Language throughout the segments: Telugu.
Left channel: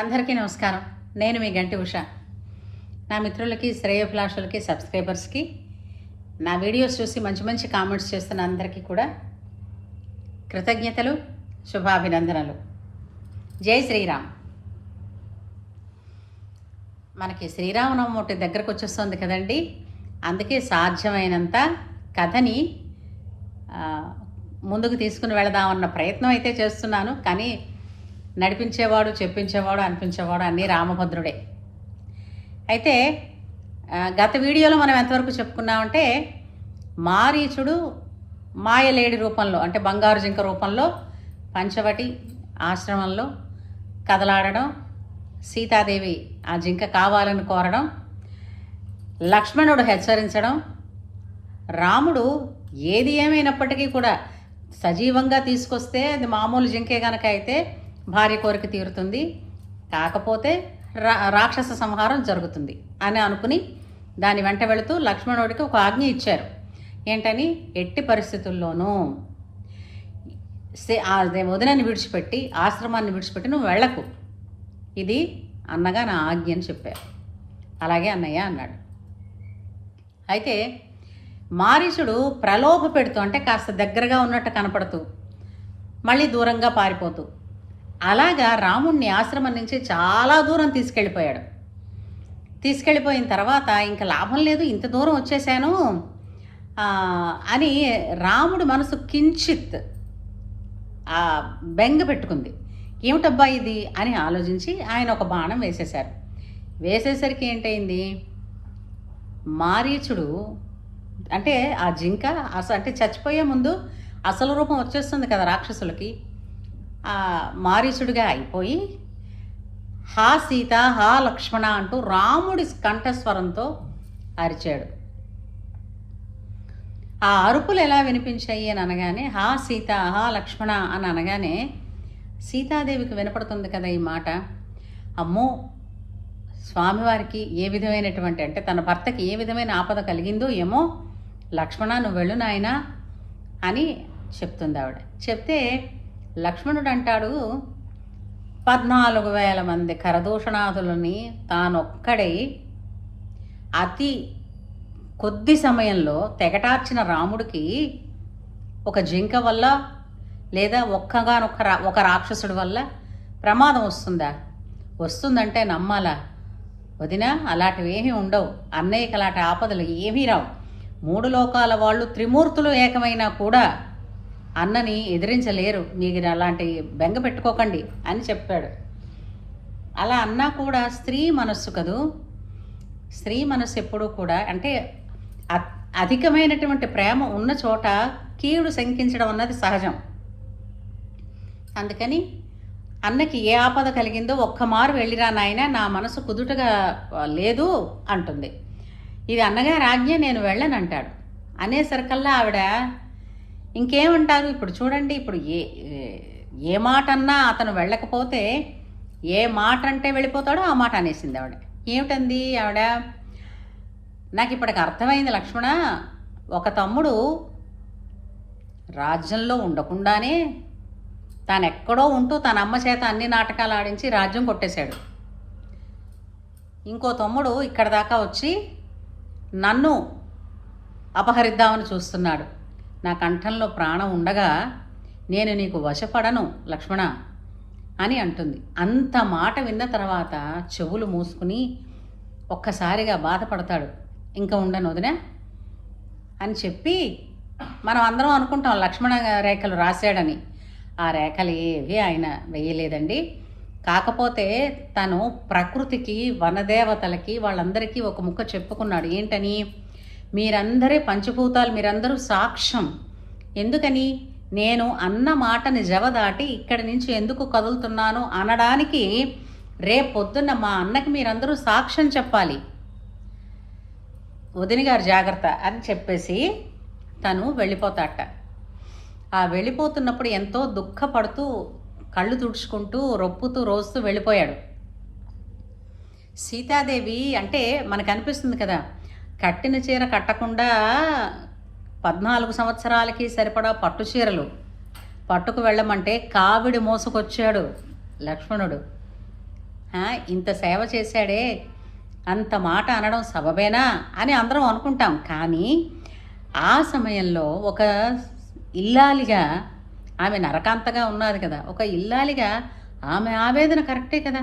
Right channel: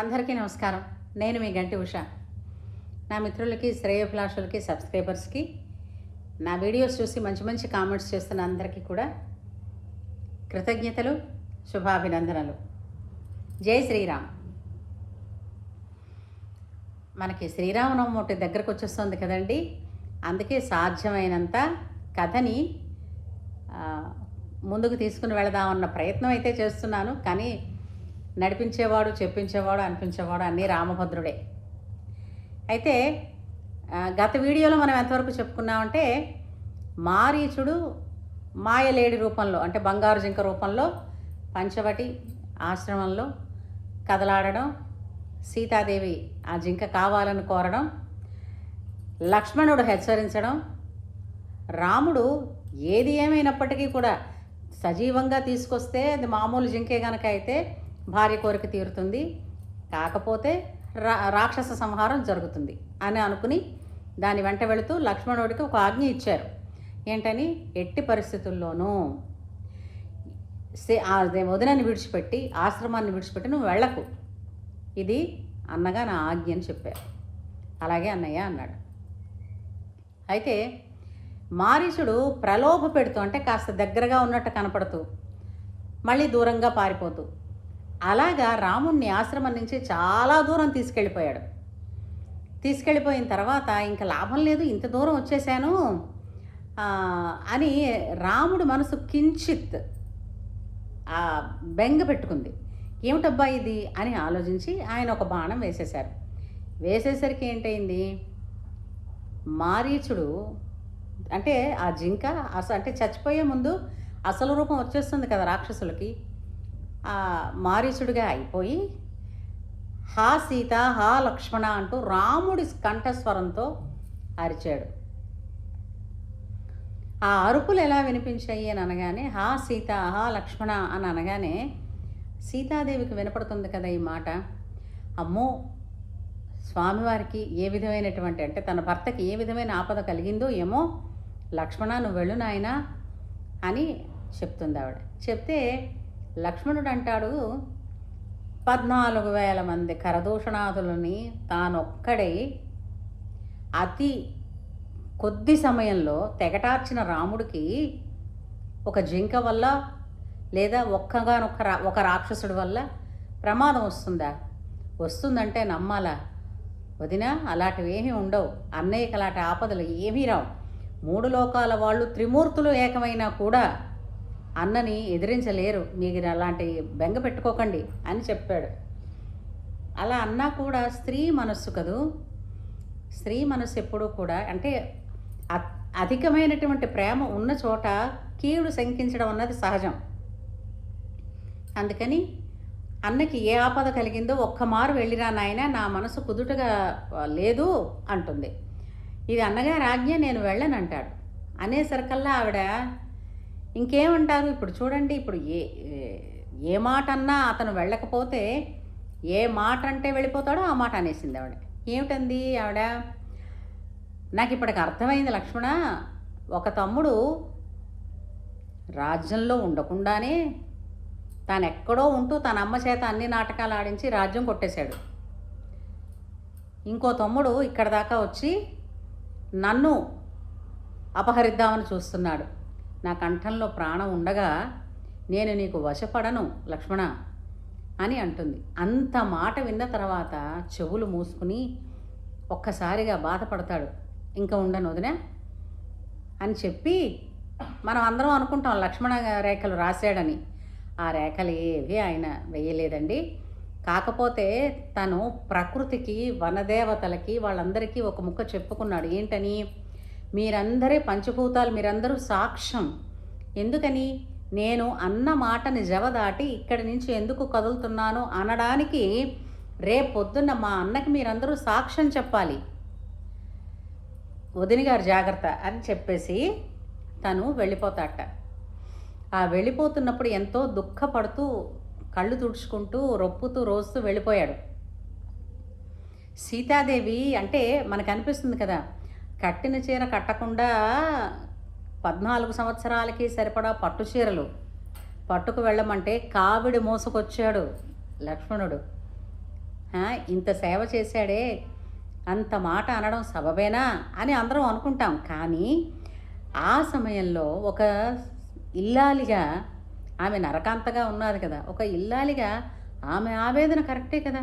అందరికీ నమస్కారం. నేను మీ గంటి ఉష. నా మిత్రులకి, శ్రేయోభిలాషులకి, సబ్స్క్రైబర్స్కి, నా వీడియోస్ చూసి మంచి మంచి కామెంట్స్ చేస్తున్న అందరికీ కూడా కృతజ్ఞతలు, శుభాభినందనలు. జై శ్రీరామ్. మనకి శ్రీరామనవమి ఒకటి దగ్గరకు వచ్చేస్తుంది కదండి. అందుకే సాధ్యమైనంత కథని ముందుకు తీసుకుని వెళదామన్న ప్రయత్నం అయితే చేస్తున్నాను. కానీ నడిపించేవాడు, చెప్పించేవాడు, అనిపించేవాడు అన్నీ రామభద్రుడే. అయితే గత వీడియోలో మనం ఎంతవరకు చెప్పుకున్నామంటే, మారీచుడు మాయలేడి రూపంలో, అంటే బంగారు జింక రూపంలో పంచవటి ఆశ్రమంలో కదలాడడం, సీతాదేవి ఆ జింక కావాలని కోరడం, లక్ష్మణుడు హెచ్చరించడం, రాముడు ఏది ఏమైనప్పటికీ కూడా సజీవంగా తీసుకొస్తే అది మామూలు జింకే కనుక అయితే భార్య కోరిక తీరుతుంది, కాకపోతే రాక్షస సంహారం జరుగుతుంది అని అనుకుని దాని వెంట వెళుతూ లక్ష్మణుడికి ఒక ఆజ్ఞ ఇచ్చారు. ఏంటని, ఎట్టి పరిస్థితుల్లోనూ వదినని విడిచిపెట్టి, ఆశ్రమాన్ని విడిచిపెట్టి నువ్వు వెళ్ళకు, ఇది అన్నగా నా ఆజ్ఞ అని చెప్పారు. అలాగే అన్నయ్య అన్నాడు. అయితే మారీచుడు ప్రలోభ పెడుతూ, అంటే కాస్త దగ్గరగా ఉన్నట్టు కనపడుతూ మళ్ళీ దూరంగా పారిపోతూ, అలాగా రాముణ్ణి ఆశ్రమం నుంచి చాలా దూరం తీసుకెళ్ళిపోయాడు. తీసుకెళ్ళిపోయిన తర్వాత ఇంకా లాభం లేదు, ఇంత దూరం వచ్చేసాను అని రాముడి మనసు కించిత్ బెంగ పెట్టుకుంది. ఏమిటబ్బా ఇది అని ఆలోచించి ఆయన ఒక బాణం వేసేశారు. వేసేసరికి ఏంటైంది, మారీచుడు అంటే ఆ జింక అంటే చచ్చిపోయే ముందు అసలు రూపం వచ్చేస్తుంది కదా రాక్షసులకి, మారీచుడిగా అయిపోయి హా సీత, హా లక్ష్మణ అంటూ రాముడి కంఠస్వరంతో అరిచాడు. ఆ అరుపులు ఎలా వినిపించాయి అని అనగానే, హా సీత, హా లక్ష్మణ అని అనగానే సీతాదేవికి వినపడుతుంది కదా ఈ మాట. అమ్మో, స్వామివారికి ఏ విధమైనటువంటి, అంటే తన భర్తకి ఏ విధమైన ఆపద కలిగిందో ఏమో, లక్ష్మణ నువ్వు వెళ్ళు నాయనా అని చెప్తుంది ఆవిడ. చెప్తే లక్ష్మణుడు అంటాడు, 14,000 మంది కరదూషణాదులని తానొక్కడై అతి కొద్ది సమయంలో తెగటార్చిన రాముడికి ఒక జింక వల్ల లేదా ఒక రాక్షసుడి వల్ల ప్రమాదం వస్తుందా? వస్తుందంటే నమ్మాలా? వదినా, అలాంటివి ఏమీ ఉండవు. అన్నయ్యకి అలాంటి ఆపదలు ఏమీ రావు. 3 లోకాల వాళ్ళు త్రిమూర్తులు ఏకమైనా కూడా అన్నని ఎదిరించలేరు, మీరు అలాంటి బెంగ పెట్టుకోకండి అని చెప్పాడు. అలా అన్నా కూడా స్త్రీ మనస్సు కదూ, స్త్రీ మనస్సు ఎప్పుడూ కూడా, అంటే అధికమైనటువంటి ప్రేమ ఉన్న చోట కీడు శంకించడం అన్నది సహజం. అందుకని అన్నకి ఏ ఆపద కలిగిందో ఒక్కమారు వెళ్ళిరా నాయన, నా మనసు కుదుటగా లేదు అంటుంది. ఇది అన్నగారి ఆజ్ఞ, నేను వెళ్ళనంటాడు. అనేసరికల్లా ఆవిడ ఇంకేమంటారు, ఇప్పుడు చూడండి, ఇప్పుడు ఏ మాట అన్నా అతను వెళ్ళకపోతే ఏ మాట అంటే వెళ్ళిపోతాడో ఆ మాట అనేసింది ఆవిడ. ఏమిటంది ఆవిడ, నాకు ఇప్పటికి అర్థమైంది లక్ష్మణ, ఒక తమ్ముడు రాజ్యంలో ఉండకుండానే తాను ఎక్కడో ఉంటూ తన అమ్మ చేత అన్ని నాటకాలు ఆడించి రాజ్యం కొట్టేశాడు. ఇంకో తమ్ముడు ఇక్కడ దాకా వచ్చి నన్ను అపహరిద్దామని చూస్తున్నాడు. నా కంఠంలో ప్రాణం ఉండగా నేను నీకు వశపడను లక్ష్మణ అని అంటుంది. అంత మాట విన్న తర్వాత చెవులు మూసుకుని ఒక్కసారిగా బాధపడతాడు. ఇంకా ఉండను వదినా అని చెప్పి మనం అందరం అనుకుంటాం లక్ష్మణ రేఖలు రాశాడని. ఆ రేఖలు ఏవి ఆయన వేయలేదండి. కాకపోతే తను ప్రకృతికి, వనదేవతలకి, వాళ్ళందరికీ ఒక ముక్క చెప్పుకున్నాడు. ఏంటని, మీరందరే పంచభూతాలు, మీరందరూ సాక్ష్యం. ఎందుకని, నేను అన్న మాటని జవదాటి ఇక్కడి నుంచి ఎందుకు కదులుతున్నాను అనడానికి రేపొద్దున్న మా అన్నకి మీరందరూ సాక్ష్యం చెప్పాలి. వదిన గారు జాగ్రత్త అని చెప్పేసి తను వెళ్ళిపోతాట. ఆ వెళ్ళిపోతున్నప్పుడు ఎంతో దుఃఖపడుతూ కళ్ళు తుడుచుకుంటూ రొప్పుతూ రోస్తూ వెళ్ళిపోయాడు. సీతాదేవి అంటే మనకు అనిపిస్తుంది కదా, కట్టిన చీర కట్టకుండా 14 సంవత్సరాలకి సరిపడా పట్టు చీరలు పట్టుకు వెళ్ళమంటే కావిడి మోసుకొచ్చాడు లక్ష్మణుడు. ఇంత సేవ చేశాడే, అంత మాట అనడం సబబేనా అని అందరం అనుకుంటాం. కానీ ఆ సమయంలో ఒక ఇల్లాలిగా, ఆమె నరకాంతగా ఉన్నది కదా, ఒక ఇల్లాలిగా ఆమె ఆవేదన కరెక్టే కదా.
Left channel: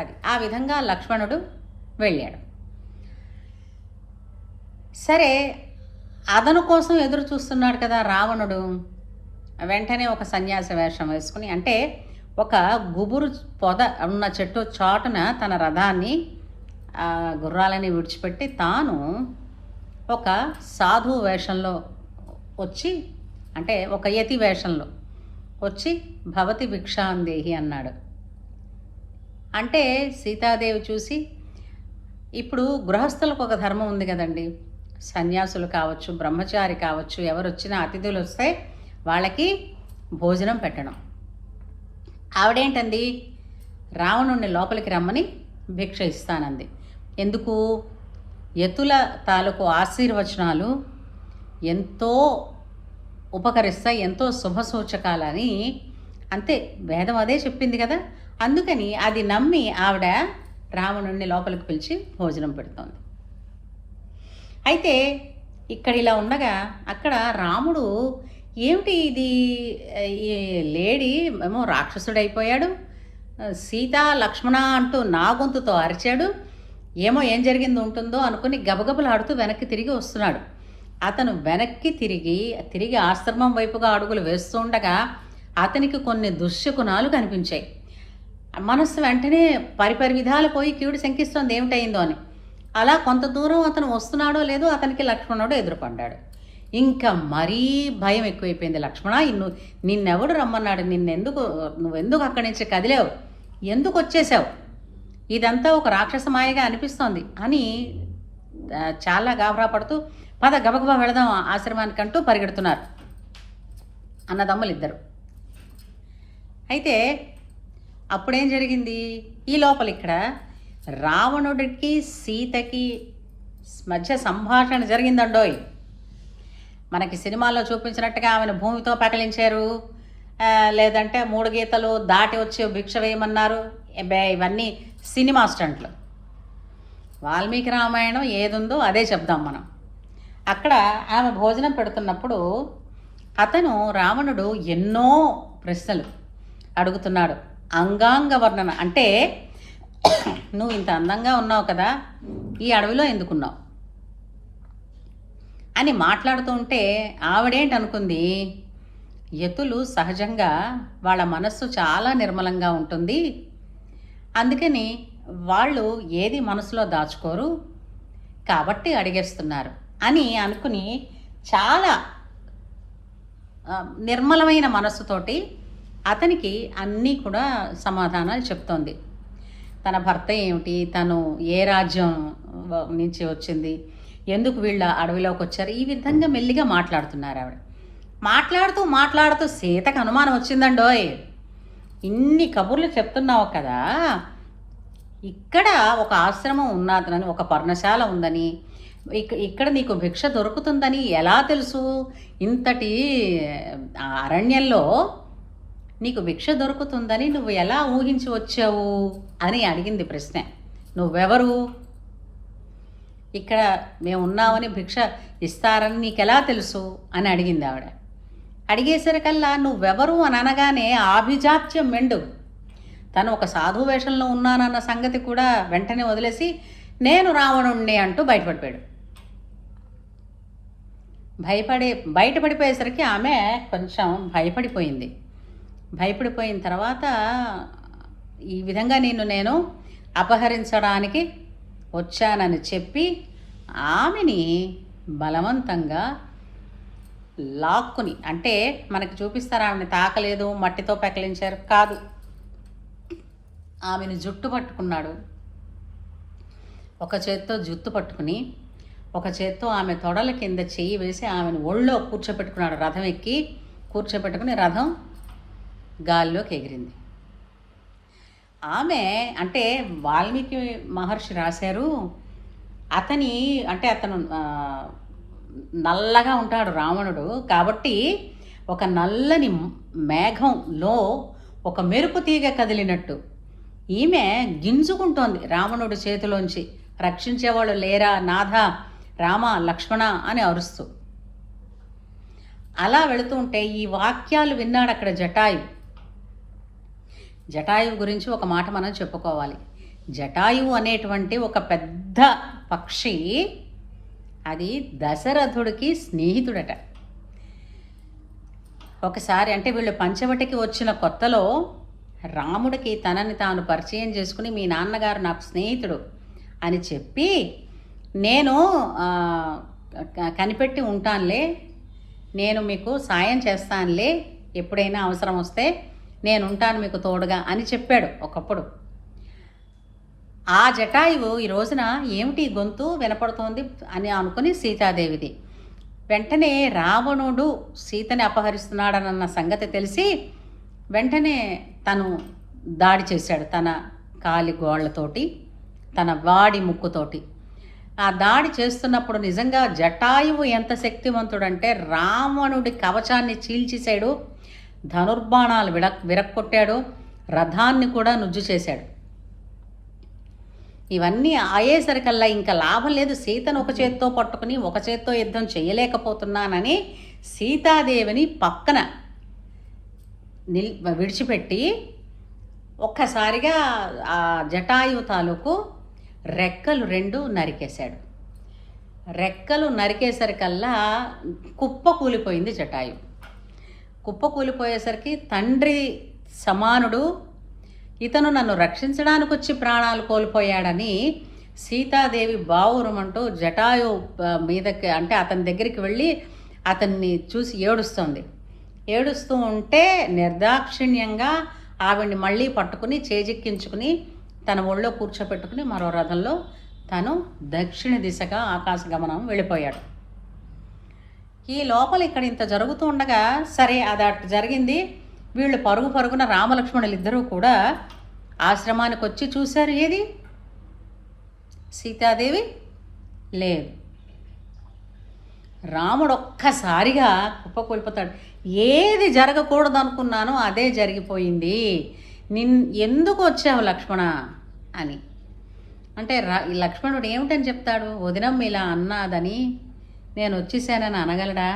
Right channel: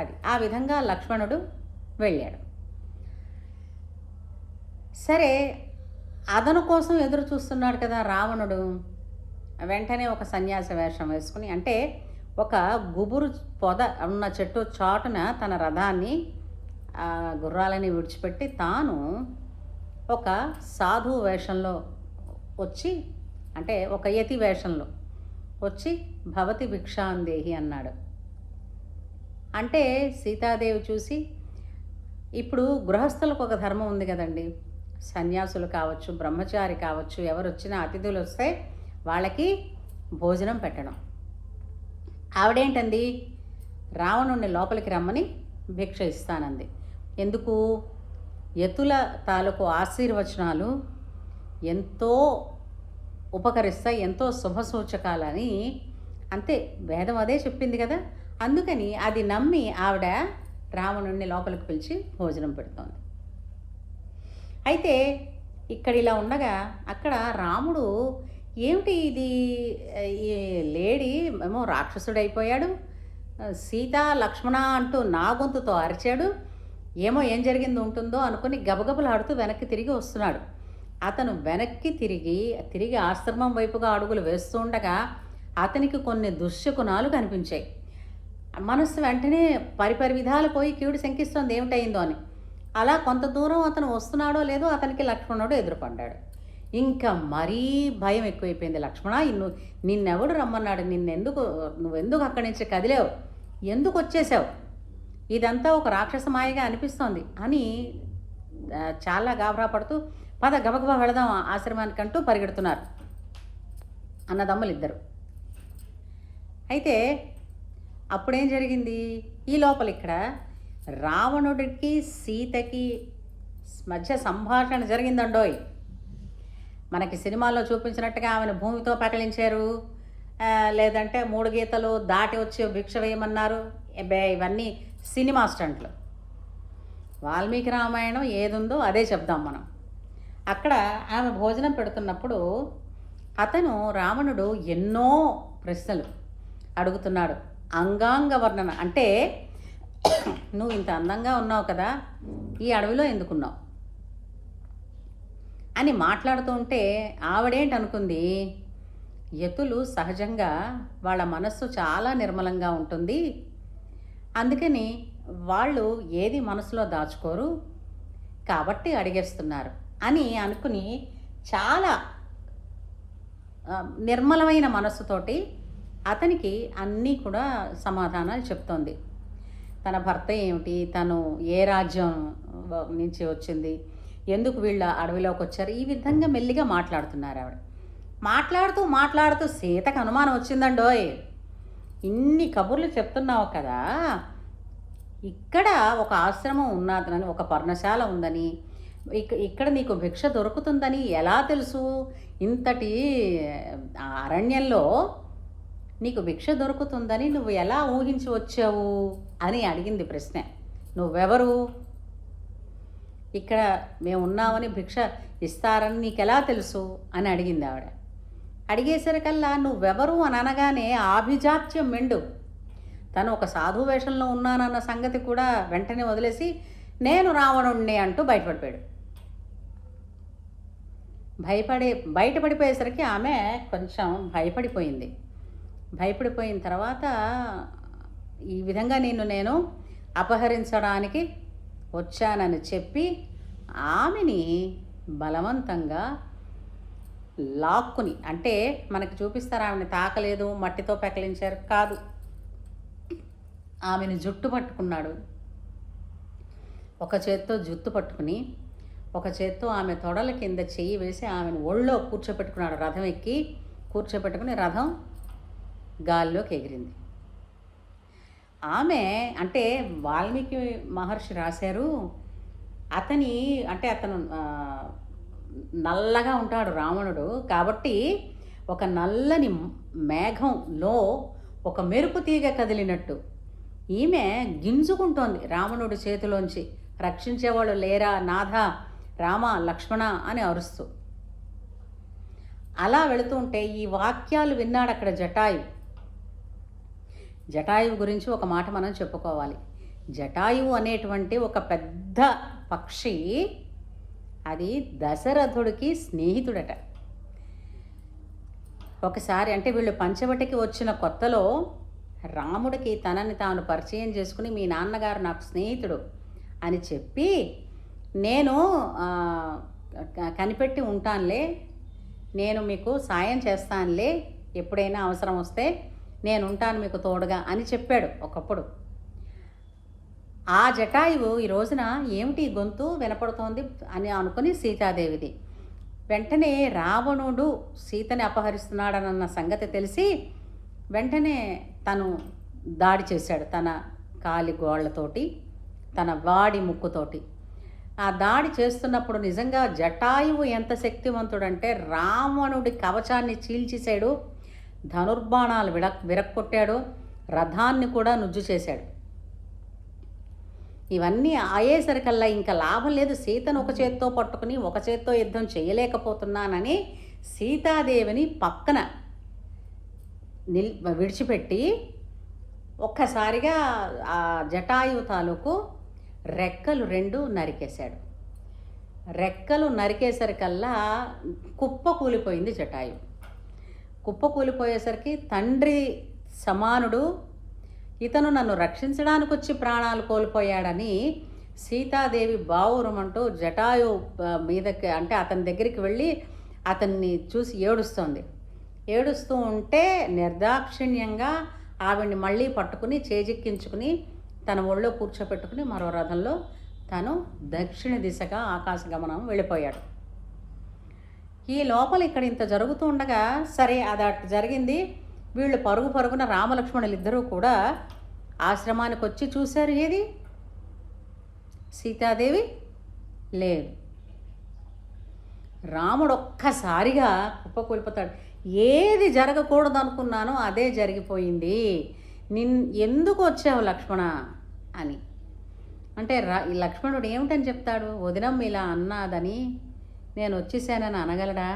అది ఆ విధంగా లక్ష్మణుడు వెళ్ళాడు. సరే, అదను కోసం ఎదురు చూస్తున్నాడు కదా రావణుడు. వెంటనే ఒక సన్యాస వేషం వేసుకుని, అంటే ఒక గుబురు పొద ఉన్న చెట్టు చాటున తన రథాన్ని గుర్రాలని విడిచిపెట్టి తాను ఒక సాధువు వేషంలో వచ్చి, అంటే ఒక యతి వేషంలో వచ్చి భవతి భిక్షాందేహి అన్నాడు. అంటే సీతాదేవి చూసి, ఇప్పుడు గృహస్థులకు ఒక ధర్మం ఉంది కదండి, సన్యాసులు కావచ్చు, బ్రహ్మచారి కావచ్చు, ఎవరు వచ్చినా అతిథులు వస్తే వాళ్ళకి భోజనం పెట్టడం. ఆవిడేంటండి, రావణుణ్ణి లోపలికి రమ్మని భిక్ష ఇస్తానంది. ఎందుకు? యతుల తాలూకు ఆశీర్వచనాలు ఎంతో ఉపకరిస్తాయి, ఎంతో శుభసూచకాలని, అంతే వేదం అదే చెప్పింది కదా. అందుకని అది నమ్మి ఆవిడ రావణుణ్ణి లోపలికి పిలిచి భోజనం పెడుతోంది. అయితే ఇక్కడ ఇలా ఉండగా అక్కడ రాముడు, ఏమిటి ఇది, ఈ లేడీ ఏమో రాక్షసుడైపోయాడు, సీత లక్ష్మణ అంటూ నా గొంతుతో అరిచాడు, ఏమో ఏం జరిగింది ఉంటుందో అనుకుని గబగబలాడుతూ వెనక్కి తిరిగి వస్తున్నాడు. అతను వెనక్కి తిరిగి ఆశ్రమం వైపుగా అడుగులు వేస్తూ ఉండగా అతనికి కొన్ని దుశ్శకునాలు కనిపించాయి. మనస్సు వెంటనే పరిపరి విధాలు పోయి కీడు శంకిస్తోంది ఏమిటయిందో అని. అలా కొంత దూరం అతను వస్తున్నాడో లేదో అతనికి లక్ష్మణుడు ఎదురుపడ్డాడు. ఇంకా మరీ భయం ఎక్కువైపోయింది. లక్ష్మణ, నిన్నెవడు రమ్మన్నాడు, నువ్వెందుకు అక్కడి నుంచి కదిలేవు, ఎందుకు వచ్చేసావు, ఇదంతా ఒక రాక్షస మాయగా అనిపిస్తోంది అని చాలా గాబరా పడుతూ, పద గబగబా వెళదాం ఆశ్రమానికంటూ పరిగెడుతున్నారు అన్నదమ్ములు ఇద్దరు. అయితే అప్పుడేం జరిగింది, ఈ లోపల ఇక్కడ రావణుడికి సీతకి మధ్య సంభాషణ జరిగిందండోయ్. మనకి సినిమాల్లో చూపించినట్టుగా ఆమెను భూమితో పకలించారు, లేదంటే 3 గీతలు దాటి వచ్చి భిక్ష వేయమన్నారు. ఇవన్నీ సినిమా స్టంట్లు. వాల్మీకి రామాయణం ఏదుందో అదే చెప్దాం మనం. అక్కడ ఆమె భోజనం పెడుతున్నప్పుడు రావణుడు ఎన్నో ప్రశ్నలు అడుగుతున్నాడు. అంగాంగ వర్ణన, అంటే నువ్వు ఇంత అందంగా ఉన్నావు కదా, ఈ అడవిలో ఎందుకున్నావు అని మాట్లాడుతూ ఉంటే ఆవిడేంటి అనుకుంది, యతులు సహజంగా వాళ్ళ మనస్సు చాలా నిర్మలంగా ఉంటుంది, అందుకని వాళ్ళు ఏది మనసులో దాచుకోరు కాబట్టి అడిగేస్తున్నారు అని అనుకుని చాలా నిర్మలమైన మనస్సుతోటి అతనికి అన్నీ కూడా సమాధానాలు చెప్తోంది. తన భర్త ఏమిటి, తను ఏ రాజ్యం నుంచి వచ్చింది, ఎందుకు వీళ్ళ అడవిలోకి వచ్చారు, ఈ విధంగా మెల్లిగా మాట్లాడుతున్నారు ఆవిడ. మాట్లాడుతూ సీతకు అనుమానం వచ్చిందండోయ్, ఇన్ని కబుర్లు చెప్తున్నావు కదా, ఇక్కడ ఒక ఆశ్రమం ఉన్నదని, ఒక పర్ణశాల ఉందని, ఇక్కడ నీకు భిక్ష దొరుకుతుందని ఎలా తెలుసు, ఇంతటి అరణ్యంలో నీకు భిక్ష దొరుకుతుందని నువ్వు ఎలా ఊహించి వచ్చావు అని అడిగింది ప్రశ్న. నువ్వెవరు, ఇక్కడ మేము ఉన్నామని భిక్ష ఇస్తారని నీకెలా తెలుసు అని అడిగింది ఆవిడ. అడిగేసరికల్లా నువ్వెవరు అని అనగానే ఆభిజాత్యం మెండు. తను ఒక సాధు వేషంలో ఉన్నానన్న సంగతి కూడా వెంటనే వదిలేసి నేను రావణుణ్ణి అంటూ బయటపడిపోయాడు. బయటపడిపోయేసరికి ఆమె కొంచెం భయపడిపోయిన తర్వాత, ఈ విధంగా నేను అపహరించడానికి వచ్చానని చెప్పి ఆమెని బలవంతంగా లాక్కుని, అంటే మనకి చూపిస్తారు ఆమెను తాకలేదు, మట్టితో పెకలించారు కాదు, ఆమెను జుట్టు పట్టుకున్నాడు. ఒక చేత్తో జుట్టు పట్టుకుని ఒక చేత్తో ఆమె తొడల కింద చెయ్యి వేసి ఆమెను ఒళ్ళో కూర్చోపెట్టుకున్నాడు. రథం ఎక్కి కూర్చోపెట్టుకుని రథం గాల్లోకి ఎగిరింది. ఆమె, అంటే వాల్మీకి మహర్షి రాశారు, అతను నల్లగా ఉంటాడు రావణుడు, కాబట్టి ఒక నల్లని మేఘంలో ఒక మెరుపు తీగ కదిలినట్టు ఈమె గింజుకుంటోంది రావణుడి చేతిలోంచి. రక్షించేవాళ్ళు లేరా నాథ, రామ, లక్ష్మణ అని అరుస్తూ. అలా వెళుతూ ఉంటే ఈ వాక్యాలు విన్నాడు అక్కడ జటాయువు. జటాయువు గురించి ఒక మాట మనం చెప్పుకోవాలి. జటాయువు అనేటువంటి ఒక పెద్ద పక్షి, అది దశరథుడికి స్నేహితుడట. ఒకసారి అంటే వీళ్ళు పంచవటికి వచ్చిన కొత్తలో రాముడికి తనని తాను పరిచయం చేసుకుని, మీ నాన్నగారు నాకు స్నేహితుడు అని చెప్పి, నేను కనిపెట్టి ఉంటానులే, నేను మీకు సాయం చేస్తానులే, ఎప్పుడైనా అవసరం వస్తే నేను ఉంటాను మీకు తోడుగా అని చెప్పాడు ఒకప్పుడు. ఆ జటాయువు ఈ రోజున ఏమిటి గొంతు వినపడుతోంది అని అనుకుని సీతాదేవిది. వెంటనే రావణుడు సీతని అపహరిస్తున్నాడనన్న సంగతి తెలిసి వెంటనే తను దాడి చేశాడు తన కాలి గోళ్లతోటి, తన వాడి ముక్కుతోటి. ఆ దాడి చేస్తున్నప్పుడు నిజంగా జటాయువు ఎంత శక్తివంతుడంటే రావణుడి కవచాన్ని చీల్చేశాడు, ధనుర్బాణాలు విరక్కొట్టాడు, రథాన్ని కూడా నుజ్జు చేశాడు. ఇవన్నీ అయ్యేసరికల్లా ఇంకా లాభం లేదు, సీతను ఒక చేత్తో పట్టుకుని ఒక చేత్తో యుద్ధం చేయలేకపోతున్నానని సీతాదేవిని పక్కన విడిచిపెట్టి ఒక్కసారిగా ఆ జటాయు తాలూకు రెక్కలు 2 నరికేశాడు. రెక్కలు నరికేసరికల్లా కుప్ప కూలిపోయింది జటాయు. కుప్ప కూలిపోయేసరికి తండ్రి సమానుడు ఇతను నన్ను రక్షించడానికి వచ్చి ప్రాణాలు కోల్పోయాడని సీతాదేవి బావురమంటూ జటాయు మీదకి అంటే అతని దగ్గరికి వెళ్ళి అతన్ని చూసి ఏడుస్తోంది. ఏడుస్తూ ఉంటే నిర్దాక్షిణ్యంగా ఆవిడ్ని మళ్ళీ పట్టుకుని చేజిక్కించుకుని తన ఒళ్ళో కూర్చోపెట్టుకుని మరో రథంలో తను దక్షిణ దిశగా ఆకాశగమనం వెళ్ళిపోయాడు. ఈ లోపల ఇక్కడ ఇంత జరుగుతూ ఉండగా సరే అది అటు జరిగింది. వీళ్ళు పరుగున రామలక్ష్మణులు ఇద్దరూ కూడా ఆశ్రమానికి వచ్చి చూశారు. ఏది సీతాదేవి లేదు. రాముడు ఒక్కసారిగా కుప్పకూలిపోతాడు. ఏది జరగకూడదు అనుకున్నానో అదే జరిగిపోయింది, ఎందుకు వచ్చావు లక్ష్మణ అని అంటే ఈ లక్ష్మణుడు ఏమిటని చెప్తాడు? వదినమ్మ ఇలా అన్నాదని నేను వచ్చేసానని అనగలడా?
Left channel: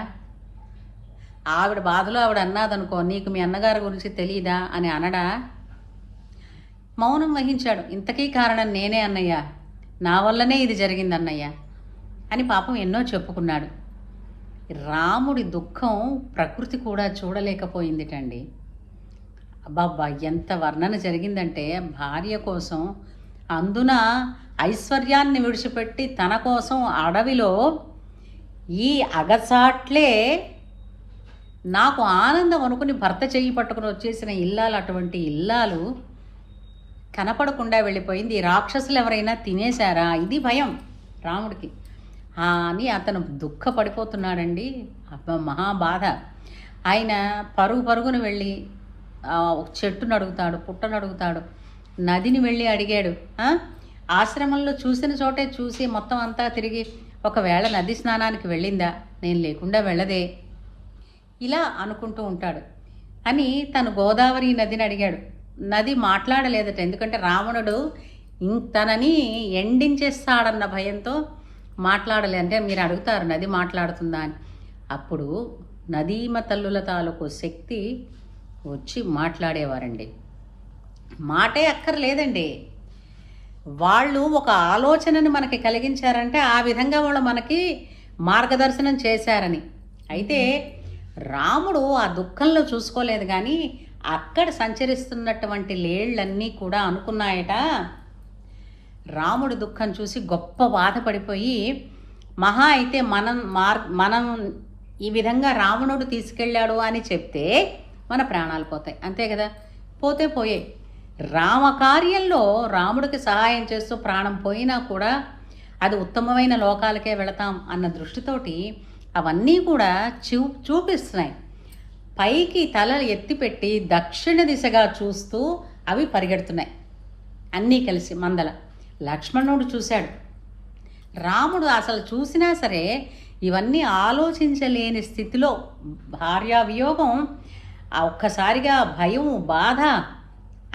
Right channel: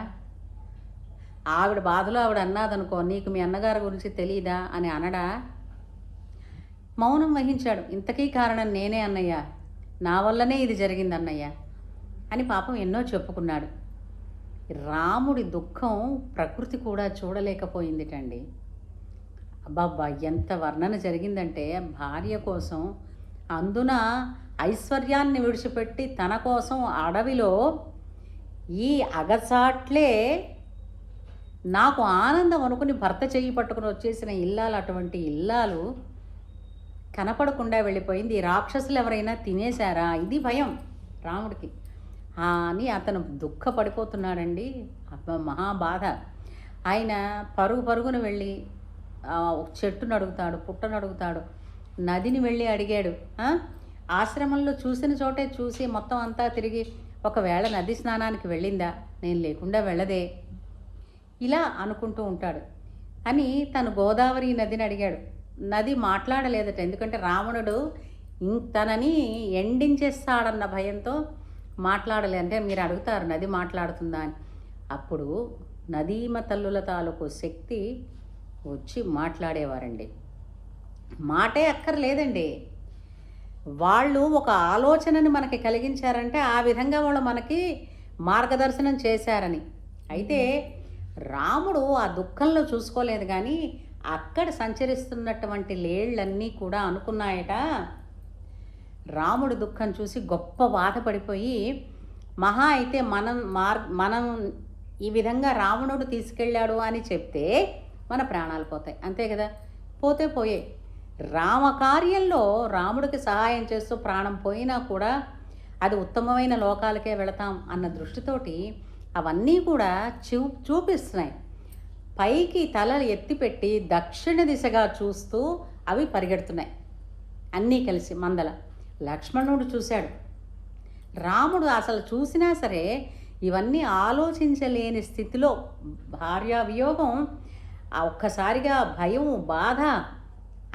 ఆవిడ బాధలో ఆవిడ అన్నాదనుకో, నీకు మీ అన్నగారి గురించి తెలియదా అని అనడా? మౌనం వహించాడు. ఇంతకీ కారణం నేనే అన్నయ్య, నా వల్లనే ఇది జరిగింది అన్నయ్య అని పాపం ఎన్నో చెప్పుకున్నాడు. రాముడి దుఃఖం ప్రకృతి కూడా చూడలేకపోయిందిటండి. అబ్బాబ్బా ఎంత వర్ణన జరిగిందంటే, భార్య కోసం అందున ఐశ్వర్యాన్ని విడిచిపెట్టి తన కోసం అడవిలో ఈ అగచాట్లే నాకు ఆనందం అనుకుని భర్త చెయ్యి పట్టుకుని వచ్చేసిన ఇల్లాలు, అటువంటి ఇల్లాలు కనపడకుండా వెళ్ళిపోయింది. ఈ రాక్షసులు ఎవరైనా తినేశారా, ఇది భయం రాముడికి అని అతను దుఃఖపడిపోతున్నాడండి. మహాబాధ. ఆయన పరుగున వెళ్ళి చెట్టును అడుగుతాడు, పుట్టను అడుగుతాడు, నదిని వెళ్ళి అడిగాడు. ఆశ్రమంలో చూసిన చోటే చూసి మొత్తం అంతా తిరిగి ఒకవేళ నది స్నానానికి వెళ్ళిందా, నేను లేకుండా వెళ్ళదే, ఇలా అనుకుంటూ ఉంటాడు. అని తను గోదావరి నదిని అడిగాడు. నది మాట్లాడలేదట. ఎందుకంటే రావణుడు తనని ఎండించేస్తాడన్న భయంతో మాట్లాడలే. అంటే మీరు అడుగుతారు నది మాట్లాడుతుందా అని. అప్పుడు నదీమ తల్లుల తాలూకు శక్తి వచ్చి మాట్లాడేవారండి. మాటే అక్కర్లేదండి, వాళ్ళు ఒక ఆలోచనని మనకి కలిగించారంటే ఆ విధంగా వాళ్ళు మనకి మార్గదర్శనం చేశారని. అయితే రాముడు ఆ దుఃఖంలో చూసుకోలేదు, కానీ అక్కడ సంచరిస్తున్నటువంటి లేళ్లన్నీ కూడా అనుకున్నాయట. రాముడి దుఃఖం చూసి గొప్ప బాధపడిపోయి, మహా అయితే మనం ఈ విధంగా రావణుడు తీసుకెళ్ళాడు అని చెప్తే మన ప్రాణాలు పోతాయి, అంతే కదా, పోతే పోయే. రామకార్యంలో రాముడికి సహాయం చేస్తూ ప్రాణం పోయినా కూడా అది ఉత్తమమైన లోకాలకే వెళతాం అన్న దృష్టితోటి అవన్నీ కూడా చూపిస్తున్నాయి. పైకి తల ఎత్తిపెట్టి దక్షిణ దిశగా చూస్తూ అవి పరిగెడుతున్నాయి అన్నీ కలిసి మందల. లక్ష్మణుడు చూశాడు, రాముడు అసలు చూసినా సరే ఇవన్నీ ఆలోచించలేని స్థితిలో భార్యా వియోగం, ఒక్కసారిగా భయం, బాధ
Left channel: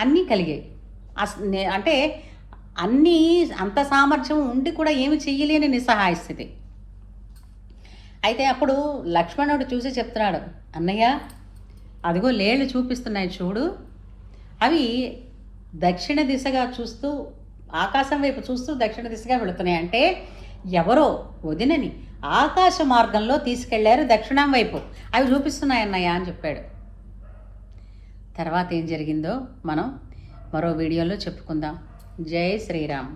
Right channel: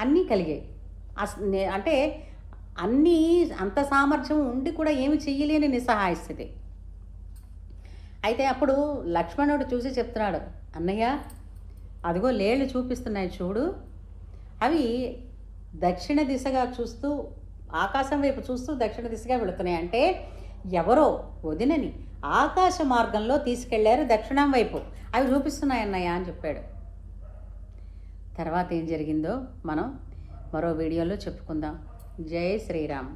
అన్నీ కలిగాయి. అంటే అన్నీ అంత సామర్థ్యం ఉండి కూడా ఏమి చెయ్యలేని నిస్సహాయ స్థితి. అయితే అప్పుడు లక్ష్మణుడు చూసి చెప్తున్నాడు, అన్నయ్య అదిగో లేళ్ళు చూపిస్తున్నాయి చూడు, అవి దక్షిణ దిశగా చూస్తూ ఆకాశం వైపు చూస్తూ దక్షిణ దిశగా వెళుతున్నాయి. అంటే ఎవరో వదినని ఆకాశ మార్గంలో తీసుకెళ్లారు దక్షిణం వైపు, అవి చూపిస్తున్నాయి అన్నయ్య అని చెప్పాడు. తర్వాత ఏం జరిగిందో మనం మరో వీడియోలో చెప్పుకుందాం. జై శ్రీరామ్.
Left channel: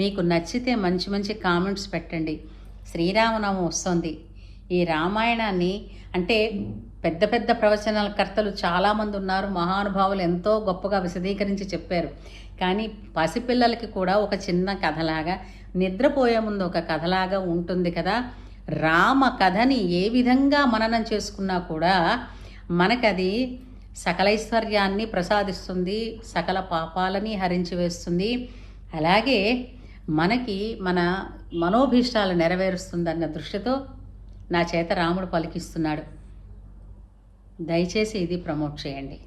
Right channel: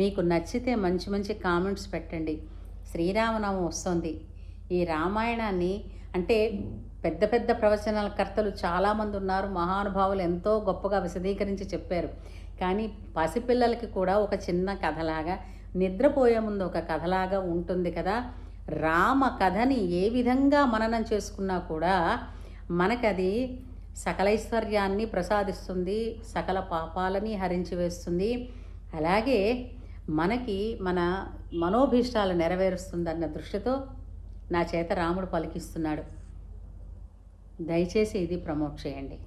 మీకు నచ్చితే మంచి మంచి కామెంట్స్ పెట్టండి. శ్రీరామనామం వస్తుంది. ఈ రామాయణాన్ని అంటే పెద్ద పెద్ద ప్రవచనాల కర్తలు చాలామంది ఉన్నారు, మహానుభావులు ఎంతో గొప్పగా విశదీకరించి చెప్పారు. కానీ పసిపిల్లలకి కూడా ఒక చిన్న కథలాగా, నిద్రపోయే ముందు ఒక కథలాగా ఉంటుంది కదా. రామ కథని ఏ విధంగా మననం చేసుకున్నా కూడా మనకది సకలైశ్వర్యాన్ని ప్రసాదిస్తుంది, సకల పాపాలని హరించి వేస్తుంది, అలాగే మనకి మన మనోభీష్టాలు నెరవేరుస్తుందన్న దృష్టితో నా చేత రాముడు పలికిస్తున్నాడు. దయచేసి ఇది ప్రమోట్ చేయండి.